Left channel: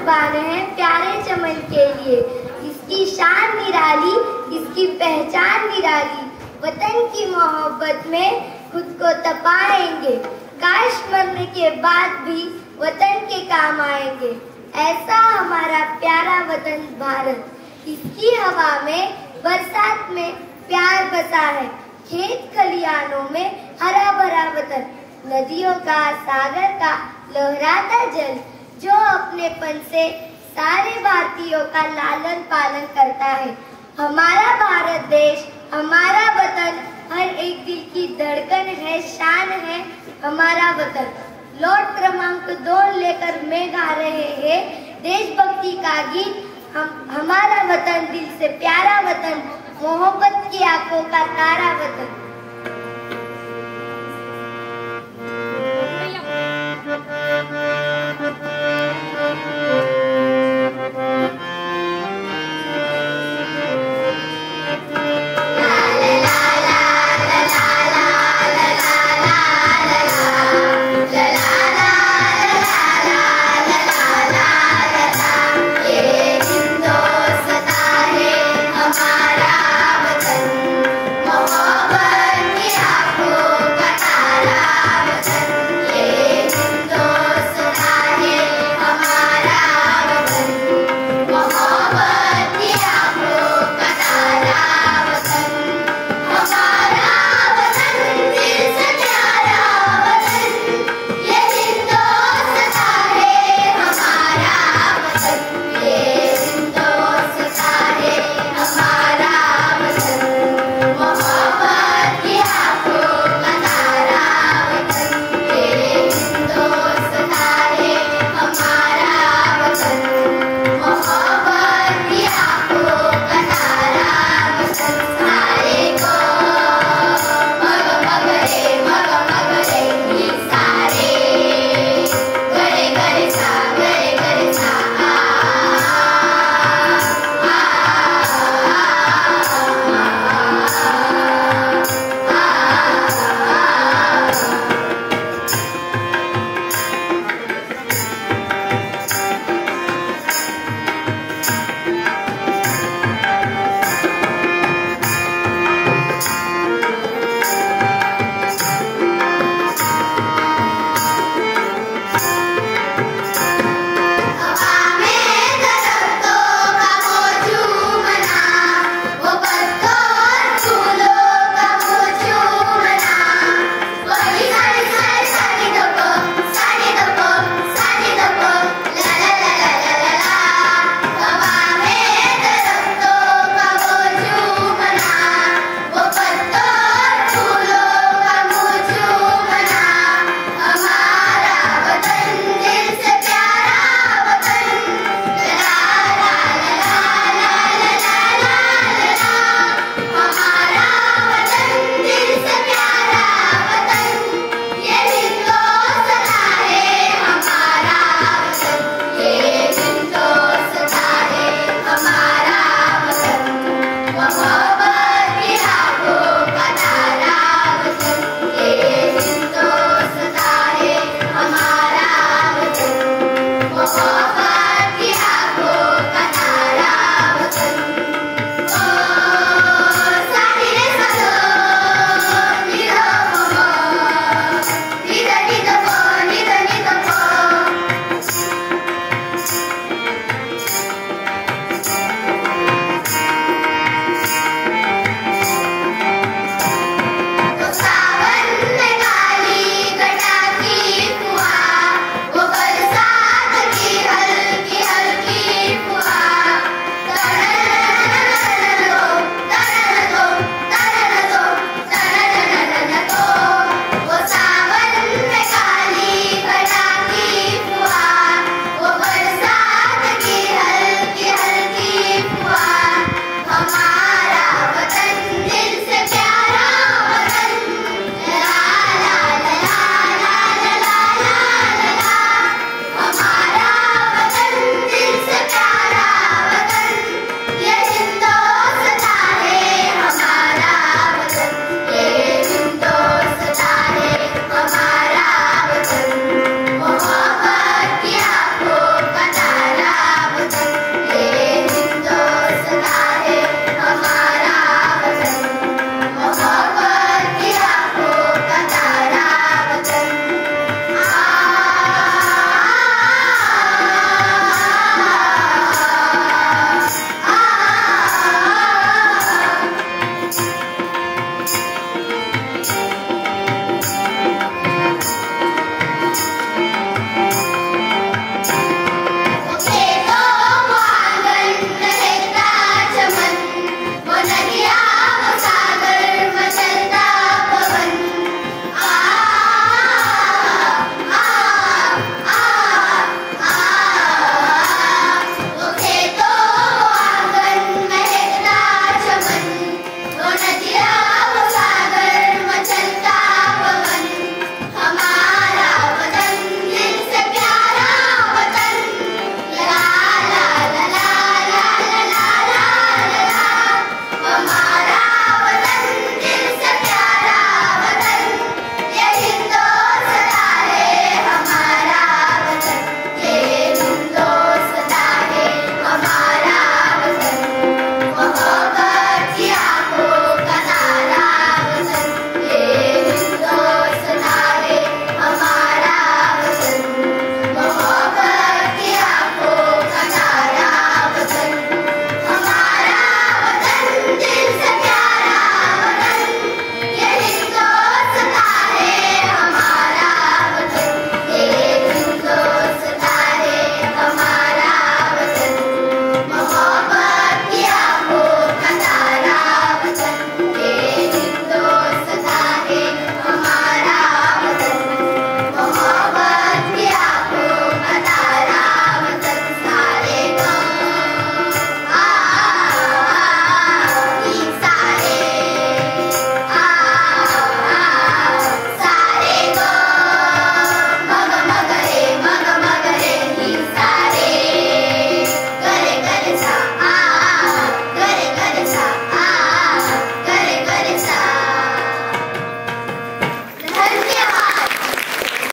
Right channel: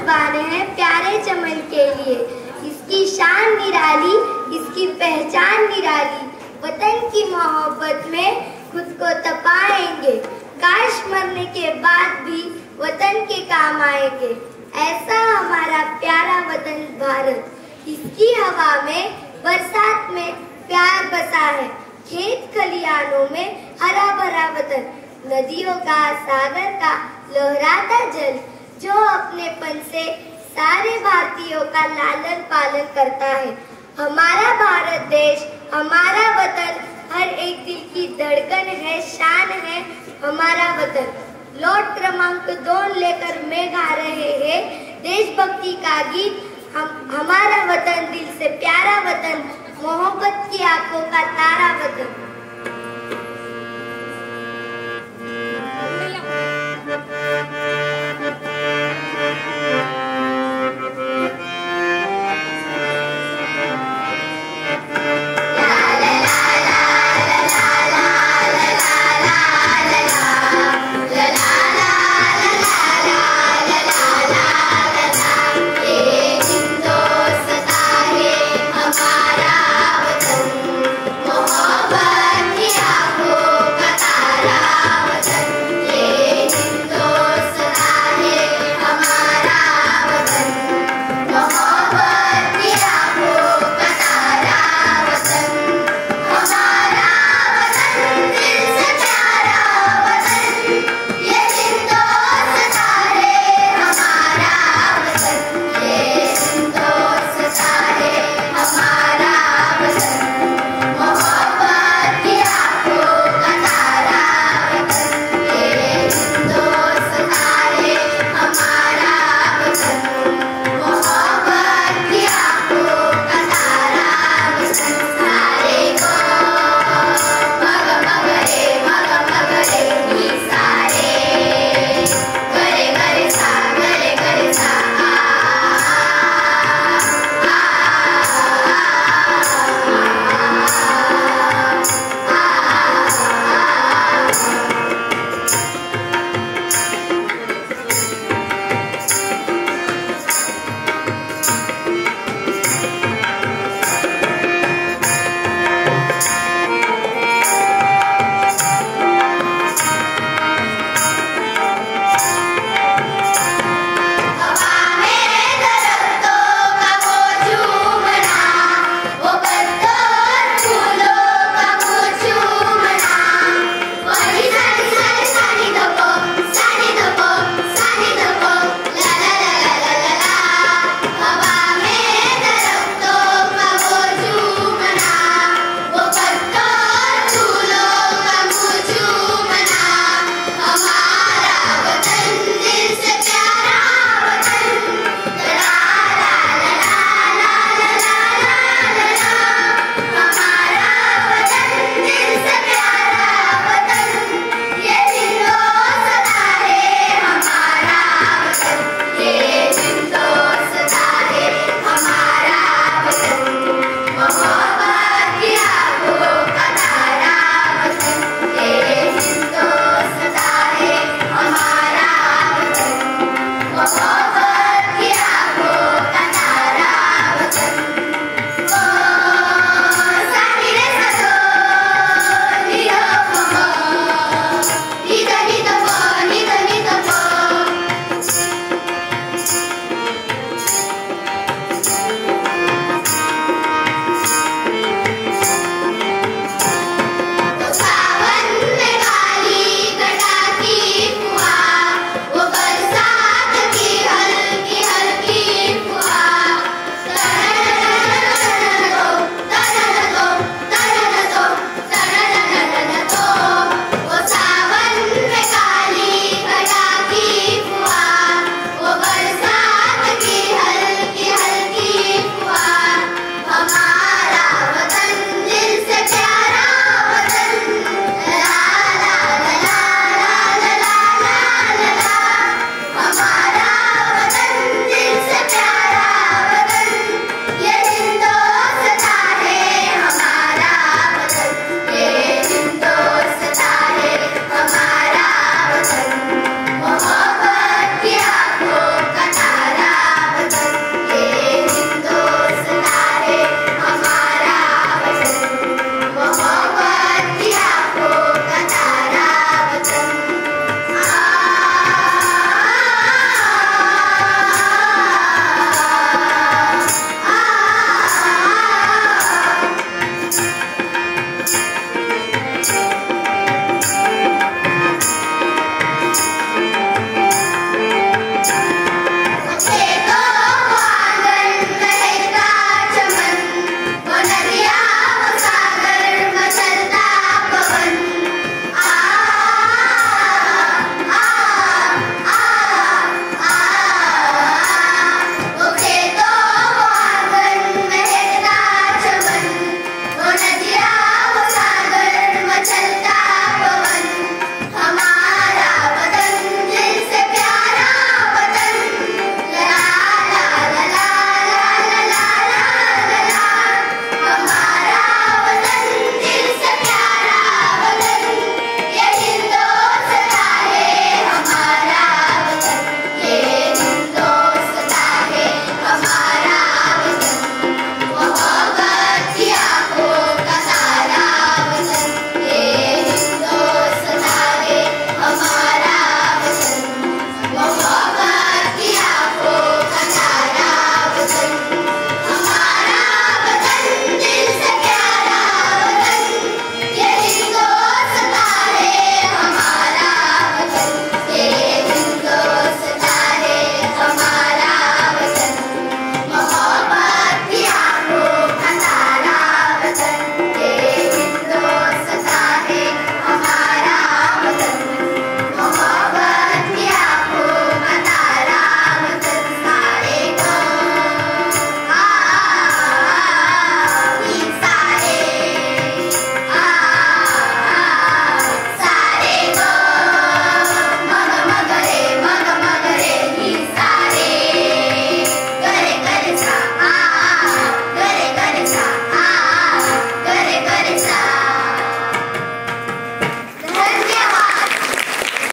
कुर्बान है प्यारे चमन के लिए। इसकी शान निराली, इसकी पहचान निराली, वतन की मोहब्बत में खुद को तपाएंगे, काश मरने के बाद भी वतन के काम आएंगे। ऐसा हमारा प्यारा वतन भारत, इसकी हवा में बरसात में प्यार बसा है, खेत खलियानों में हरा भरा वतन, नदियों का सागर का लहराता जल, जो अपनेपन से सारे भारतीयों का लालन पालन करता है। हमारा भारत देश, हमारा वतन, हर एक दिल की धड़कन है, शान है हमारा वतन। लौट क्रमांक 2 लेकर मैं गा रहे हैं देशभक्ति का गीत। हमारा वतन, दिल से प्यारा वतन, मोहब्बत की आंखों का तारा वतन।